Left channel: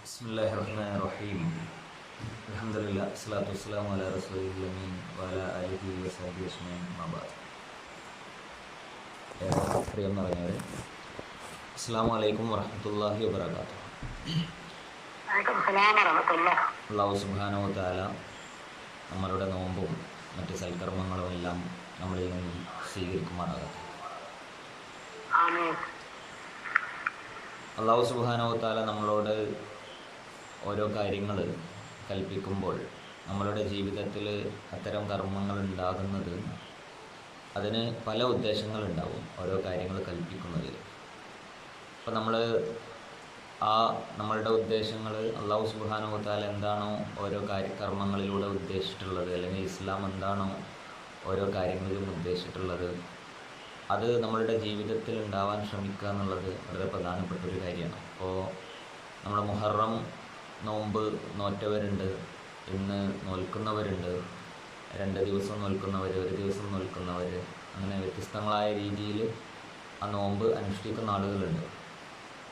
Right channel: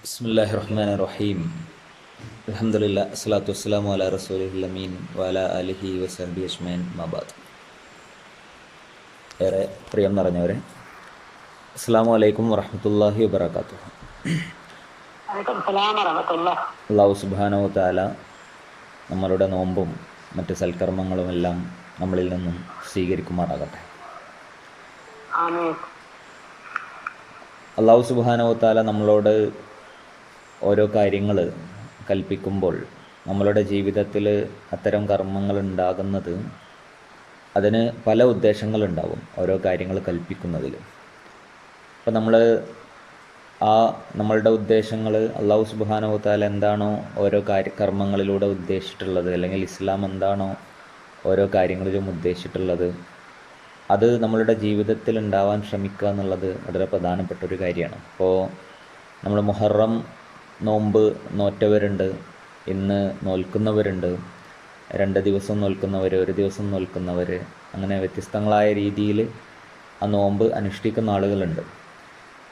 ബിസ്മില്ലാഹി റഹ്മാൻ റഹീം അലഹമുല്ല അസ്സലാത്തു വസ്സലാം അല റസൂലിൽ അമീൻ വാല അലിഹി വസഹബി അജ്മൈൻ മബാദ് ഏറെ പ്രിയം നിറഞ്ഞവരെ അസ്സാം വലൈക്കും വറഹമത്തല്ലാഹി വബർക്കാത്തു അള്ളാഹു സുബാനോ താല നമ്മളുടെ നോമ്പും മറ്റ് സൽക്കർമ്മങ്ങളുമെല്ലാം നമ്മളിൽ നിന്നും സ്വീകരിക്കുമാറാകട്ടെ. അള്ളാഹു സുബാനോ താല നമ്മളോട് ഓരോ കാര്യങ്ങൾ കൽപ്പിക്കുമ്പോൾ നമ്മളുടെ ജീവിതത്തിൽ അത്തരം കർമ്മങ്ങൾ ഉണ്ടാകുന്നത് അതിന് പല ഉദ്ദേശങ്ങളുണ്ടാവും ഓരോ കാര്യങ്ങൾ കൽപ്പിക്കുന്നതിൽ. അപ്പോൾ നമ്മൾ ആ നമ്മളുടെ ഉദ്ദേശങ്ങൾ അള്ളാഹു സുബാനോത്താൽ എന്താണോ ഓരോ കാര്യ കർമ്മങ്ങളിലൂടെ ഉദ്ദേശിച്ചിട്ടുള്ളത് അല്ലെങ്കിൽ ഇസ്ലാം എന്താണോ ഓരോ കാര്യങ്ങളിലും ഉദ്ദേശിച്ചിട്ടുള്ളത് അത് നമ്മളുടെ ജീവിതത്തിൽ ഉണ്ടാവാൻ ശ്രമിക്കുക എന്നുള്ളത് വളരെ പ്രധാനപ്പെട്ട ഒരു കാര്യമാണ്. അപ്പോൾ നമ്മൾ മുഹറം നോമ്പ് നോറ്റവരുണ്ട് ഇന്ന് നോൽക്കുന്നവരുണ്ട് രണ്ട് ദിവസം നോൽക്കുന്നവർ ഒരു ദിവസം നോൽക്കുന്നവർ അങ്ങനെ വ്യത്യസ്തങ്ങളായ രീതിയിൽ ആ നോമ്പ് അനുഷ്ഠിക്കുന്ന ആളുകളുണ്ട്.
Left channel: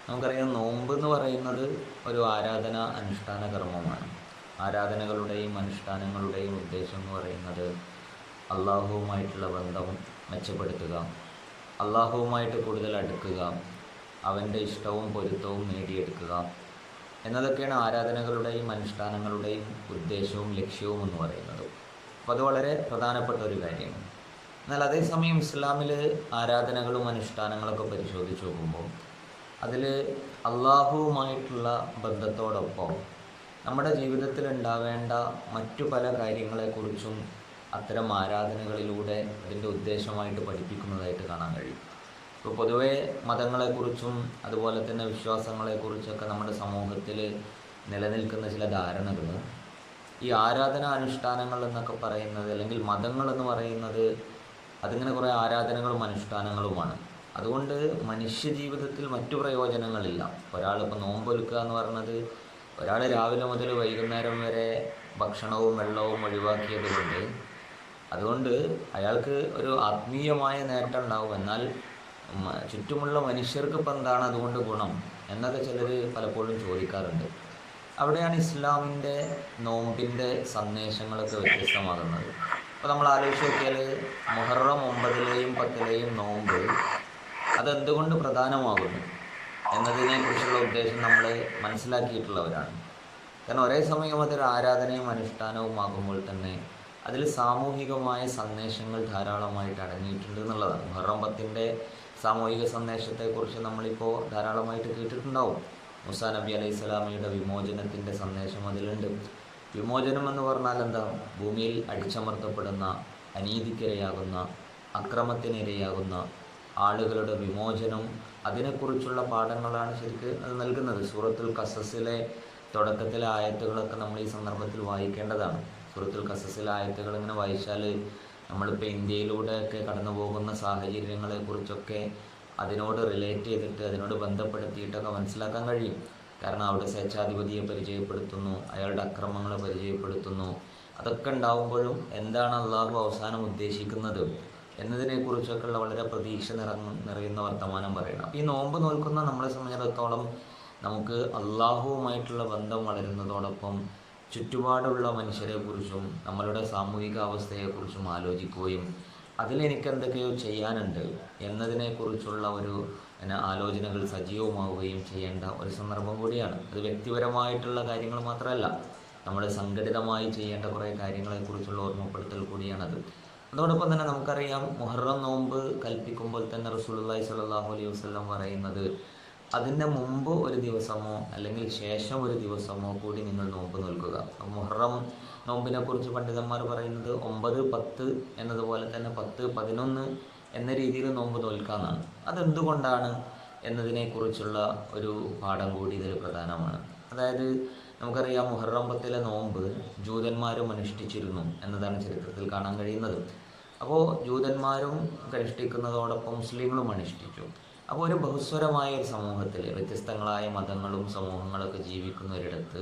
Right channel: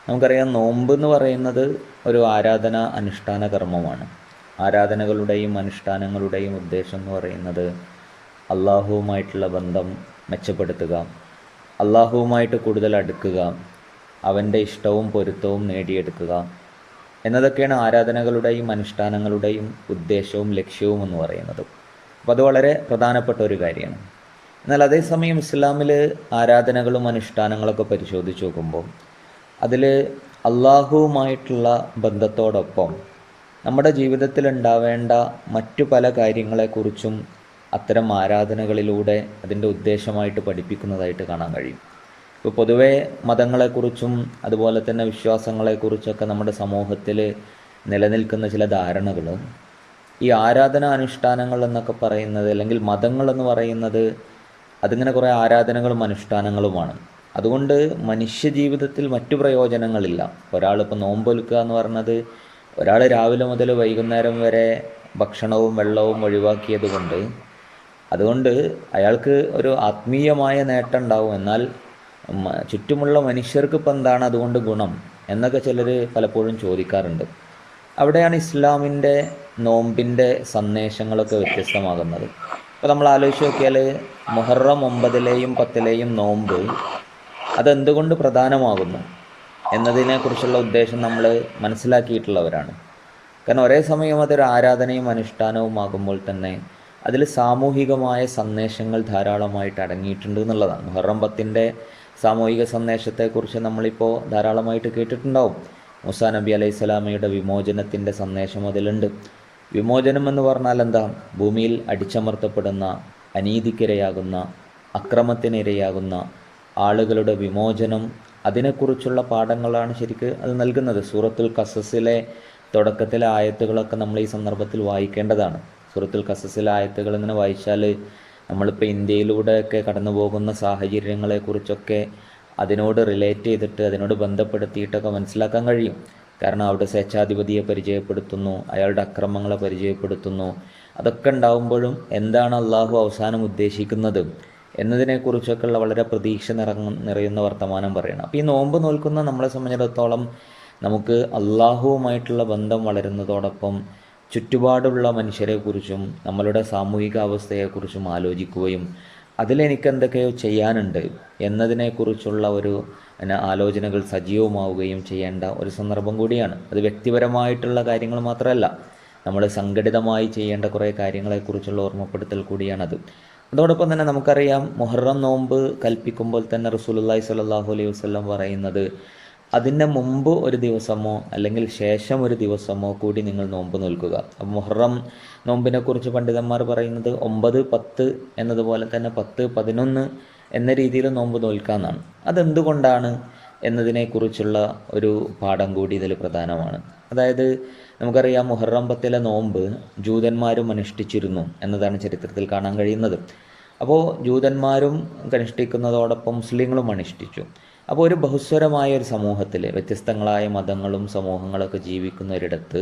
നമുക്കറിയാം നോമ്പ് എന്ന് പറയുന്നത് ഒരു ആരാധന അനുഷ്ഠാന കർമ്മമാണ്. ആരാധനകളുടെയും അനുഷ്ഠാനങ്ങളുടെയും ഉദ്ദേശം എന്ന് പറയുന്നത് അള്ളാഹുവുമായിട്ടുള്ള ബന്ധം മെച്ചപ്പെടുത്തുക അള്ളാഹുവുമായിട്ട് കൂടുതൽ അടുക്കുക അവന്റെ ഇഷ്ടവും പൊരുത്തവും നേടിയെടുക്കുക എന്നതൊക്കെയാണ് ആരാധനകളുടെയും അനുഷ്ഠാനങ്ങളുടെയും ഉദ്ദേശവും ലക്ഷ്യവും എന്ന് പറയുന്നത്. അപ്പോൾ അത് വളരെ പ്രധാനപ്പെട്ട ഒരു കാര്യമാണ്. എന്നാൽ അതേസമയം ഇസ്ലാമിൽ ആരാധനകളും അനുഷ്ഠാനങ്ങളൊക്കെ പരിശോധിച്ച് നോക്കുമ്പോൾ അതിൽ അള്ളാഹുവുമായിട്ടുള്ള ബന്ധത്തോടൊപ്പം നമ്മുടെ ജീവിതത്തിൽ ഉണ്ടാവേണ്ട മറ്റു പല കാര്യങ്ങളെക്കുറിച്ചും അത്തരം ആരാധനകളിലൂടെ അതിന്റെ ഉദ്ദേശമായിട്ട് പഠിപ്പിക്കുന്നതായിട്ട് കാണാൻ കഴിയും. ഇപ്പോൾ പൊതുവേ മതങ്ങളെക്കുറിച്ചും അതുപോലെ തന്നെ വിശ്വാസങ്ങളെക്കുറിച്ചൊക്കെ നമ്മുടെ സമൂഹത്തിൽ നിലനിൽക്കുന്ന ചില ധാരണകൾ ഈ ആരാധനാ അനുഷ്ഠാനങ്ങൾ എന്നൊക്കെ പറയുന്നത് അല്ലെങ്കിൽ മതങ്ങൾ എന്ന് പറയുന്നത് അതിങ്ങനെ കുറേ ആരാധനകളും അനുഷ്ഠാനങ്ങളുമാണ്. അതുകൊണ്ട് മനുഷ്യജീവിതത്തിൽ മറ്റു പ്രയോജനങ്ങളില്ല. ഒരാളിപ്പോൾ നോമ്പൊലുക്കുക എന്ന് പറഞ്ഞത് ഒരാൾ രാവിലെ മുതൽ വൈകുന്നേരം വരെ ഭക്ഷണവും വെള്ളവും ഒഴിവാക്കിയത് കൊണ്ട് അതുകൊണ്ട് അയാൾക്ക് ഒരു ആത്മീയമായ നേട്ടം ഉണ്ടാവും. എന്നാൽ ചുറ്റുമുള്ള മനുഷ്യർക്ക് ഇപ്പം എന്താണ് അതുകൊണ്ട് ഗുണം എന്നൊക്കെ ചിലർ പലപ്പോഴും ചോദിക്കാറുണ്ട്. അവിടെയാണ് ഇസ്ലാമിന്റെ നോമ്പിന്റെ സന്ദേശങ്ങളൊക്കെ വ്യത്യസ്തമാകുന്നത്. അപ്പോൾ നമ്മൾ ആലോചിച്ച് നോക്കിയാൽ മുഹറം ഒമ്പതിലെയും പത്തിലെയും നോമ്പ് അതെന്തുകൊണ്ട് പ്രധാനമാകുന്നു എന്നതിനെക്കുറിച്ചുള്ള ഉദ്ദേശം നമ്മൾ മനസ്സിലാക്കിയിട്ടുള്ളവരാണ്. കാരണം ഒരേ സമയം അതൊരു ആരാധനയും അനുഷ്ഠാനവുമാകുമ്പോൾ തന്നെ അതിൽ സാമൂഹികമായ സന്ദേശങ്ങൾ ധാരാളമായിട്ട് അടങ്ങിയിട്ടുണ്ട് എന്നുള്ളതാണ്. മുഹറം സാമൂഹിക സന്ദേശത്തെക്കുറിച്ച് നമ്മളിപ്പോൾ ധാരാളമായിട്ട് കേട്ടിട്ടുണ്ടാവും. മുസാ നബി അലൈഹി സ്വലാമയുടെ വിമോചനത്തിന്റെ സന്ദേശം അതിലുണ്ട്. വിമോചനം എന്ന് പറഞ്ഞാൽ എന്താ? ഭൂമിയിൽ അടിച്ചമർത്തപ്പെടുന്ന അനീതിക്കിരയാകുന്ന അക്രമത്തിനിരയാകുന്ന ആളുകളുടെ വിമോചനം അതിനെക്കുറിച്ചുള്ള പാഠങ്ങളാണ് ശരിക്ക് അത് നൽകുന്നത്. സൂറത്തുൽ കസസിലെ തുടക്കത്തിലെ ആയത്തുകളൊക്കെ നമ്മൾ ഈ സന്ദർഭത്തിൽ വായിക്കേണ്ടതാണ്. സൂറത്തുൽ കസസിൽ ആയത്തുകൾ ഇങ്ങനെ വായിച്ചാൽ നമ്മളിപ്പോൾ ഇന്ത്യയിലൂടെയൊക്കെ കടന്നു പോകുന്ന സാഹചര്യങ്ങളെക്കുറിച്ചൊക്കെ അതിനോട് റിലേറ്റ് ചെയ്തിട്ട് അതിനോട് ബന്ധപ്പെടുത്തിയിട്ടൊക്കെ മനസ്സിലാക്കാൻ കഴിയും. കാരണം അവിടെ സ്വേച്ഛാധിപതിയെ പരിചയപ്പെടുത്തുന്നു അയാളുടെ അക്രമങ്ങളെ പരിചയപ്പെടുത്തുന്നു. അതൊക്കെ ഉണ്ടാവുമ്പോഴും എന്താണ് അള്ളാഹു അവസാനം ഉദ്ദേശിക്കുന്നത് എന്നതിനെക്കുറിച്ചൊക്കെയുള്ള വളരെ പ്രതീക്ഷ നിറങ്ങ നിറയുന്ന വർത്തമാനം പറയണം. അപ്പോൾ ഈ നോമ്പ് നോൽക്കുന്ന നമ്മളെ സംബന്ധിച്ചിടത്തോളം നമുക്ക് അള്ളാഹുവുമായിട്ടുള്ള ബന്ധം വളരുന്നതോടൊപ്പം ചുറ്റുപാടുള്ള മനുഷ്യരെക്കുറിച്ചും നമ്മളുടെ സാമൂഹിക അവസ്ഥയെക്കുറിച്ചും ആലോചിക്കുകയും അതിലെനിക്ക് എന്തൊക്കെയോ ചെയ്യാനുണ്ട് എന്നതിനെക്കുറിച്ചുള്ള ഒരു ആലോചനകൾ സജീവമാവുകയും ചെയ്യേണ്ട ഒരു സന്ദർഭം കൂടിയാണ്. അത് വ്യക്തിപരമായിട്ടുള്ള കാര്യങ്ങൾ മാത്രമല്ല നമ്മൾ സംഘടിതമായി ചെയ്യേണ്ട കുറേ കാര്യങ്ങളെക്കുറിച്ചുള്ള ഓർമ്മപ്പെടുത്തൽ കൂടിയാണത്. അതോടൊപ്പം തന്നെ നമുക്കറിയാം മുഹറം നോമ്പ് കൽപ്പിക്കുമ്പോൾ തന്നെ റസൂലുള്ളാഹി സ്വല്ലല്ലാഹു അലൈഹി വസല്ലം പറയുന്നത് അതിന്റെ മുമ്പ് ഒരു ദിവസമോ അല്ലെങ്കിൽ ശേഷം ഒരു ദിവസമോ കൂടി നിങ്ങൾ നോമ്പ് നോൽക്കുക. അപ്പോൾ മുഹറം നോമ്പിനെക്കുറിച്ച് പണ്ഡിതന്മാർ പറയുന്നത് ഒമ്പത് പത്ത് എന്നതുപോലെ തന്നെ പത്ത് പതിനൊന്ന് എന്ന രീതിയിൽ നോമ്പ് നോൽക്കാമെന്നാണ് അതെന്തുകൊണ്ടാണ് എന്നതിനെക്കുറിച്ചുള്ള ഒരു പാഠം കൂടി ഇതിൽ പ്രധാനമാണ്. അതായത് നമുക്കറിയാം മുഹറം പത്തിലെ നോമ്പ് ജൂതന്മാരും അനുഷ്ഠിച്ചിരുന്നു എന്നതാണ് ചരിത്രത്തിൽ കാണാൻ കഴിയുന്നത്. അപ്പോൾ ജൂതന്മാരും അനുഷ്ഠിക്കുന്നതോടൊപ്പം മുസ്ലിങ്ങളും അനുഷ്ഠിച്ചു. അപ്പോൾ ഒരു ബഹുസ്വരമായ ഒരു സമൂഹത്തിൽ വ്യത്യസ്തങ്ങളായ മതങ്ങളും സമൂഹങ്ങളൊക്കെ ജീവിക്കുന്ന ഒരിടത്ത്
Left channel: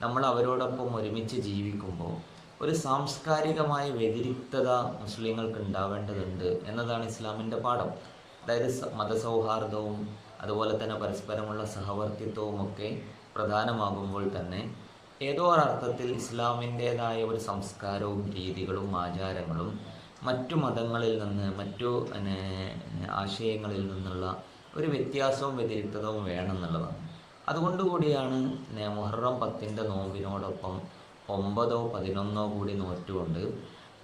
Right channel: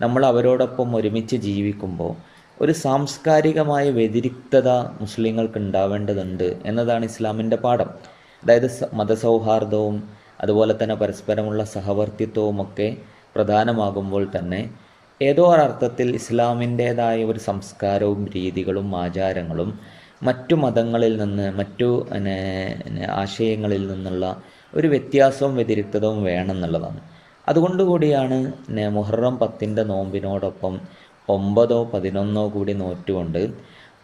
നമ്മൾ അവരോടൊപ്പം ഒരുമിച്ച് ജീവിക്കുമ്പോൾ ഒരു സാംസ്കാരികമായ വ്യതിരിക്തത മുസ്ലിങ്ങൾക്ക് ഉണ്ടാവേണ്ടതുണ്ട് എന്നതാണ് ഇസ്ലാമിന്റെ പാഠം. അതായത് മതസൗഹാർദ്ദവും അതുപോലെ തന്നെ പരസ്പരമുള്ള സഹവർത്തിത്വവും ഒക്കെ പ്രധാനമാകുമ്പോൾ തന്നെ ഏതോ ഒരർത്ഥത്തിൽ ഇസ്ലാമിന്റേതായ ഒരു സംസ്കാരവും രീതികളും ആചാരങ്ങളും മറ്റു മതങ്ങളിൽ നിന്ന് മറ്റു ആശയങ്ങളിൽ നിന്നുള്ള ഒരു വ്യത്യാസവും വ്യതിരിക്തതവും വേണമെന്നുള്ളതാണ്. അതുകൊണ്ട് കൂടിയാണ് മുഹറം പത്തിന്റെ നോമ്പിനോടൊപ്പം ഒമ്പതോ പതിനൊന്നോ കൂടി നോറ്റുകൊണ്ട്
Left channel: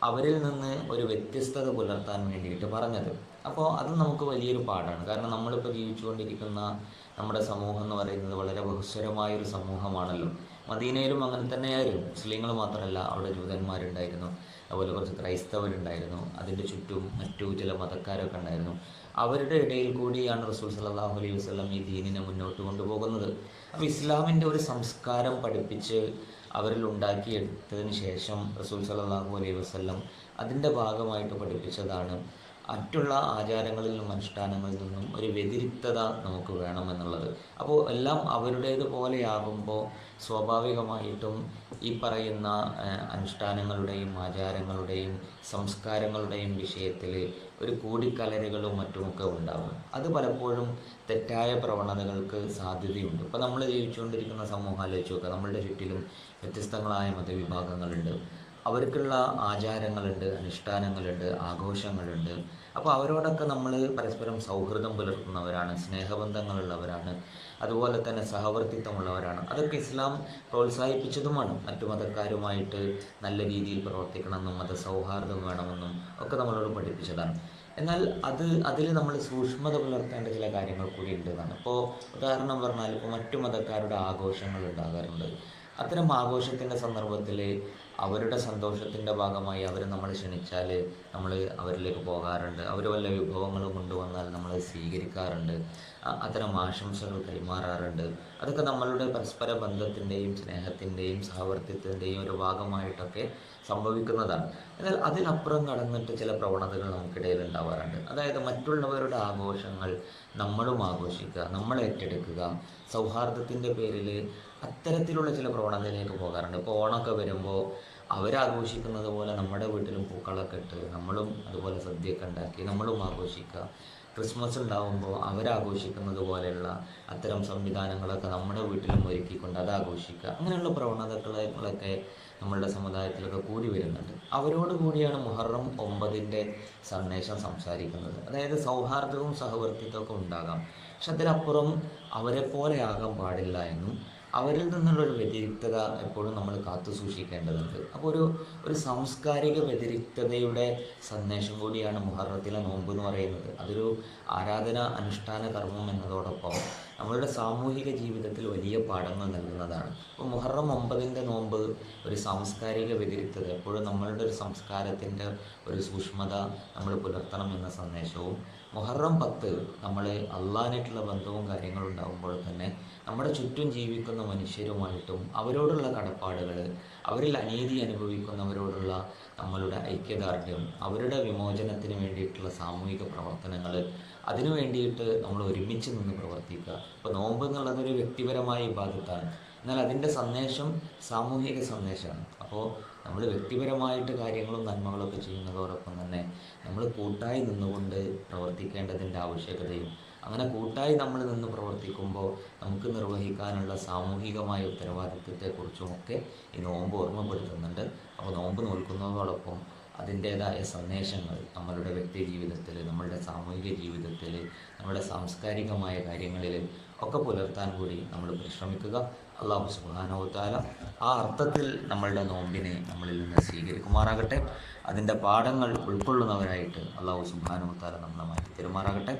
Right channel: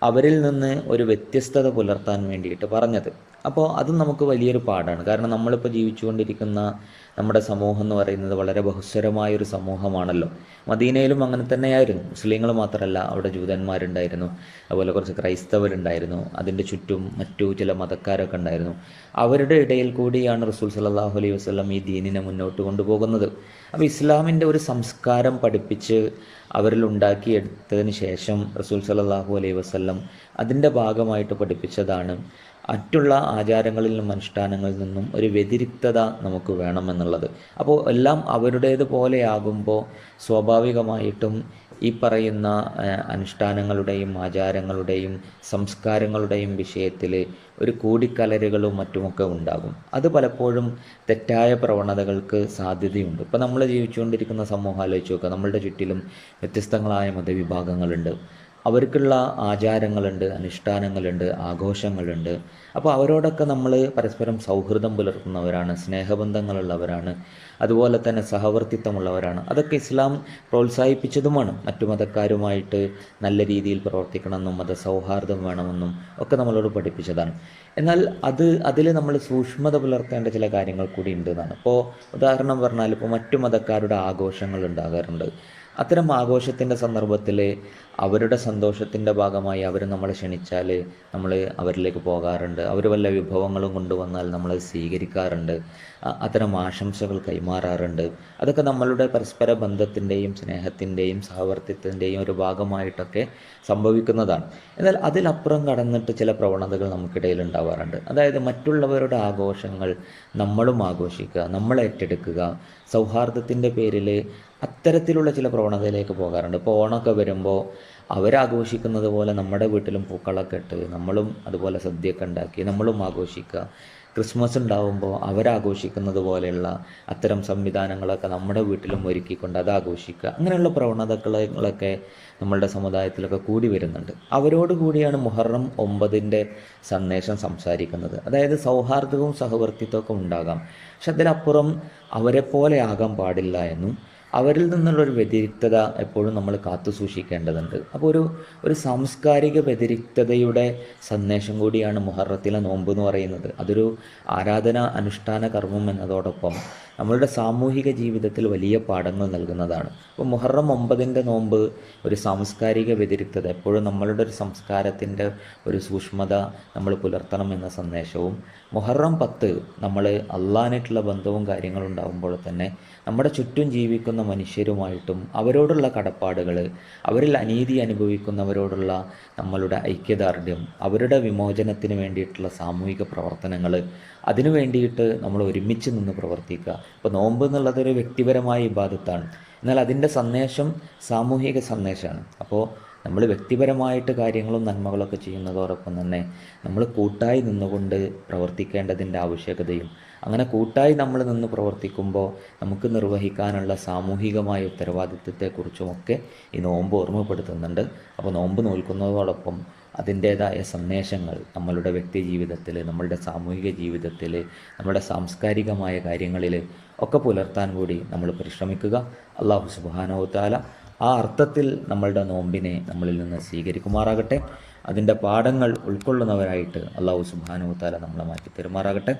അവരിൽ നിന്ന് ഒരു വ്യത്യസ്തത പുലർത്താൻ വേണ്ടിയിട്ട് പറഞ്ഞത്. അപ്പോൾ അത് നമുക്ക് വലിയൊരു പാഠമാണ് കാരണം നമ്മളിപ്പോൾ ജീവിച്ചുകൊണ്ടിരിക്കുന്ന നമ്മുടെ സമൂഹം എന്ന് പറയുന്നത് വളരെ ബഹുസ്വരമായൊരു സമൂഹമാണല്ലോ. മദീനയിലും അങ്ങനെ തന്നെയായിരുന്നു. മുസ്ലിങ്ങൾ മാത്രമല്ല അവിടെ ജൂതന്മാരുണ്ടായിരുന്നു. അതുപോലെ കുറച്ച് ക്രൈസ്തവരുണ്ടായിരുന്നു. അതിന്റെ ചുറ്റും മറ്റു ചില മതക്കാരൊക്കെ ഉണ്ടായിരുന്നു. അവരുടെ ഇടയിൽ കൂടിയാണ് റസൂൽ സല്ലല്ലാഹു അലൈഹി വസ്ലം ഈ ദീനിനെ മുന്നോട്ട് കൊണ്ടുപോകുന്നത്. അപ്പോൾ ഇസ്ലാമിന്റെ ഒരു സംസ്കാരം പഠിപ്പിച്ച് അവരിൽ ഉണ്ടാക്കിയെടുത്തതിന് ശേഷം റസൂൽ സല്ലല്ലാഹു അലൈഹി വസ്ലം അതിന്റെ ഭാഗമായിട്ട് പഠിപ്പിച്ചതാണ് മറ്റുള്ള ആചാരങ്ങളിൽ നിന്നും അനുഷ്ഠാനങ്ങളിൽ നിന്നും ഒരു വ്യതിരിക്തത നമുക്ക് വേണമെന്നുള്ളത്. അപ്പോൾ എല്ലാം അവരുടേതുപോലെയാകുമ്പോൾ സ്വാഭാവികമായിട്ടും ഈ പറയുന്ന അനുഷ്ഠാനങ്ങളുടെയും ആചാരങ്ങളുടെയും സംസ്കാരങ്ങളുടെയും വിഷയത്തിൽ ഒരു കൂടിക്കലരുകളും മറ്റുമൊക്കെ ഉണ്ടാകും. അത് പലപ്പോഴും തെറ്റായ പ്രവണതകൾക്ക് സാധ്യതയുണ്ട്. ഇപ്പോൾ നമ്മൾ ജീവിച്ചുകൊണ്ടിരിക്കുന്ന സമൂഹം ആലോചിച്ച് നോക്കുക. നമ്മളുടെ ചുറ്റിലും വ്യത്യസ്തങ്ങളായ മതവിഭാഗങ്ങളുണ്ട്. അവർക്കുള്ള ആചാരങ്ങളുണ്ട് അനുഷ്ഠാനങ്ങളുണ്ട് ആഘോഷങ്ങളുണ്ട്. അപ്പോൾ അവരോടൊക്കെ നമ്മൾ പരസ്പരം സൗഹൃദം പുലർത്തുന്നവരാണ് സ്നേഹബന്ധങ്ങളുള്ളവരാണ് അതുപോലെ തന്നെ സഹവർത്തിത്വമുള്ളവരാണ്. അതൊക്കെ ഇസ്ലാം പ്രോത്സാഹിപ്പിച്ചതുമാണ്. മറ്റു മതക്കാരുമായിട്ട് നല്ല രീതിയിൽ പ്രവർത്തിക്കണമെന്നും മതസൗഹാർദ്ദം വേണമെന്നും ഒക്കെ നമ്മളോട് പഠിപ്പിച്ചതാണ്. എന്നാൽ അത് അതിൽ നമ്മൾ സൂക്ഷ്മത പുലർത്തേണ്ട ചില കാര്യങ്ങൾ കൂടി ഉണ്ട് എന്നാണ്. ഇപ്പോൾ ഉദാഹരണം പറഞ്ഞാൽ ഇപ്പോൾ മറ്റു മതക്കാരുടെ ആഘോഷങ്ങൾ ഉണ്ടാകാറുണ്ട്. അത്തരം ആഘോഷത്തിന്റെ സന്ദർഭത്തിൽ അവരുടെ സന്തോഷത്തിന്റെ ഭാഗമായി അവർ നമ്മളെ ക്ഷണിച്ചാൽ നമ്മൾ അവരിലേക്ക് പോകാറുണ്ട്. അവർ വല്ല വിഭവങ്ങളും കൊണ്ടുവന്നാൽ നമ്മൾ സ്വീകരിക്കാറുണ്ട്. അത്തരം ആശംസകൾ കൈമാറാറുണ്ട്. അതൊക്കെ നമ്മളുടെ പരസ്പര ബന്ധത്തിന്റെയും സ്നേഹത്തിന്റെയും സഹവർത്തിത്വത്തിന്റെയും ഒരു ഭാഗമായിട്ടൊക്കെ സംഭവിക്കുന്നതാണ്. എന്നാൽ അതിലപ്പുറം കടന്നിട്ട് ചില പ്രവണതകൾ നമുക്കിടയിൽ ഉണ്ടാവാറുണ്ട്. അതായത് മറ്റുള്ളവരുടെ ആഘോഷങ്ങൾ നമ്മളും ആഘോഷിക്കുക നമ്മൾ ഏറ്റെടുക്കുക സൗഹാർദ്ദത്തിന്റെ പേരിൽ അത്തരത്തിലുള്ള ചില പ്രവണതയിലേക്ക് പോകാറുണ്ട്. ഇപ്പോൾ ഓണമൊക്കെ വരുമ്പോൾ അവരാഘോഷിക്കുന്നത് പോലെ നമ്മുടെ വീട്ടിലും പൂക്കളൊക്കെ ഇട്ട് നമ്മളും അതുപോലെ സദ്യയൊക്കെ ഉണ്ടാക്കി നമ്മളും ആഘോഷിക്കുക. ക്രിസ്മസ് ഉണ്ടാവുമ്പോൾ അവരാഘോഷിക്കുന്നത് പോലെയുള്ള അത്തരം സംവിധാനങ്ങളൊക്കെ നമ്മുടെ വീട്ടിലും ഒരുക്കിക്കൊണ്ട് അത് ആഘോഷിക്കുക. അങ്ങനെയുള്ള പ്രവണതകളൊക്കെ നമ്മളുടെ സമുദായത്തിലൊക്കെ കൂടി വരുന്നുണ്ട്. അവരോട് കൂടിയാണ് മുഹറം ഒമ്പതിന്റെ സന്ദേശം സംസാരിക്കുന്നത്. അതായത് സൗഹാർദ്ദവും സഹവർത്തിത്വമൊക്കെ ഉണ്ടാകാം. പക്ഷെ അതിലപ്പുറം അവരെപ്പോലെ പോലെ ആകാൻ പാടില്ല എന്നും അവരിൽ നിന്നുള്ളൊരു വ്യതിരിക്തത എപ്പോഴും നമ്മൾ കാത്തു സൂക്ഷിക്കേണ്ടതുണ്ട്. അപ്പോൾ ഒരു ഒരു സാംസ്കാരിക വ്യതിരിക്തതയുടെ സന്ദേശം കൂടിയാണ് മുഹറത്തിലെ നോമ്പ് എന്ന് പറയുന്നത്. അതൊരു ആരാധന അനുഷ്ഠാന കർമ്മം എന്നതോടൊപ്പം നമ്മളുടെ സാമൂഹിക ജീവിതത്തിൽ വലിയ പാഠങ്ങൾ നൽകുന്നതാണ്. അപ്പോൾ മുഹറം ഒമ്പതിന്റെ നോമ്പ് ഒരു സാംസ്കാരിക വ്യതിരിക്തത എപ്പോഴും നമ്മളുടെ ഒരു സംസ്കാരത്തിന്റെ ഒരു സൂക്ഷ്മത നമ്മൾ പുലർത്തണം എന്ന സന്ദേശവും മുഹറം പത്ത് നമ്മൾ അള്ളാനായിട്ടുള്ള ബന്ധവും കാര്യങ്ങളും ഉണ്ടാകുമ്പോൾ തന്നെ നമ്മുടെ ചുറ്റും ജീവിക്കുന്ന മനുഷ്യരുമായിട്ടും അവരോടുള്ള കടപ്പാടുകൾ അവരിൽ അനീതി അനുഭവിക്കുന്നവരോടുള്ള നമ്മളുടെ ഐക്യദാർഢ്യം അവരുടെ വിമോചനത്തിന് വേണ്ടിയിട്ടുള്ള സാമൂഹിക പ്രവർത്തനങ്ങൾ അതിനു വേണ്ടിയിട്ട് നമ്മൾ ഒരുമിച്ച് നിന്ന് പ്രവർത്തിക്കുക. ഇപ്പോൾ നോമ്പ് എന്നുള്ളതൊരു വ്യക്തിപരമായ വിവാദത്താണ്. എന്നാൽ അതിന്റെ സന്ദേശം സാമൂഹിക സന്ദേശമാണ്. അപ്പോൾ നമ്മൾ വ്യക്തിപരമായിട്ട് കാര്യങ്ങളും നന്മകളൊക്കെ ചെയ്യുന്നതോടൊപ്പം തന്നെ നമ്മൾ കൂട്ടായി നിന്നുകൊണ്ട് പ്രവർത്തിക്കേണ്ടതിന്റെ ആവശ്യകതയും അങ്ങനെ കൂട്ടായി നമ്മൾ നിന്ന് പ്രവർത്തിക്കുമ്പോൾ നമുക്ക് നിർവഹിക്കാനുള്ള സാമൂഹികമായ ഉത്തരവാദിത്വത്തെക്കുറിച്ചുമൊക്കെ ഈ നോമ്പ് ഓർമ്മപ്പെടുത്തുന്നുണ്ട്. അപ്പോൾ നോമ്പ് നോൽക്കുന്നതോടൊപ്പം അതിന്റേതായ സന്ദേശങ്ങൾ നമ്മളുടെ വ്യക്തി ജീവിതത്തിൽ നമ്മളുടെ സാമൂഹിക ജീവിതത്തിൽ നമ്മുടെ സാംസ്കാരികമായ കാര്യങ്ങളിൽ ഒക്കെ പുലർത്താൻ കൂടി നമ്മൾ പരിശ്രമിക്കുക. അള്ളാഹു സുബാനോത്താല ആ അർത്ഥത്തിൽ നമ്മളുടെ നോമ്പിനെ നമ്മളിൽ നിന്ന് സ്വീകരിക്കുമാറാകട്ടെ. അതിന്റെ പാഠങ്ങൾ ഉൾക്കൊള്ളുന്നവരായിട്ട് അള്ളാഹു സുബാനോത്താല നമ്മളെ മാറ്റി തരുമാറാകട്ടെ.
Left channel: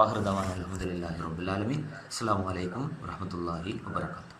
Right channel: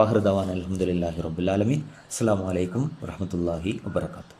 വാഹൃദവാൻ അലഹമുല്ലാഹി റബുലാലമീൻ അസ്സാം വലൈക്കും വറഹമത്തല്ലാഹി വാബർക്കാത്തു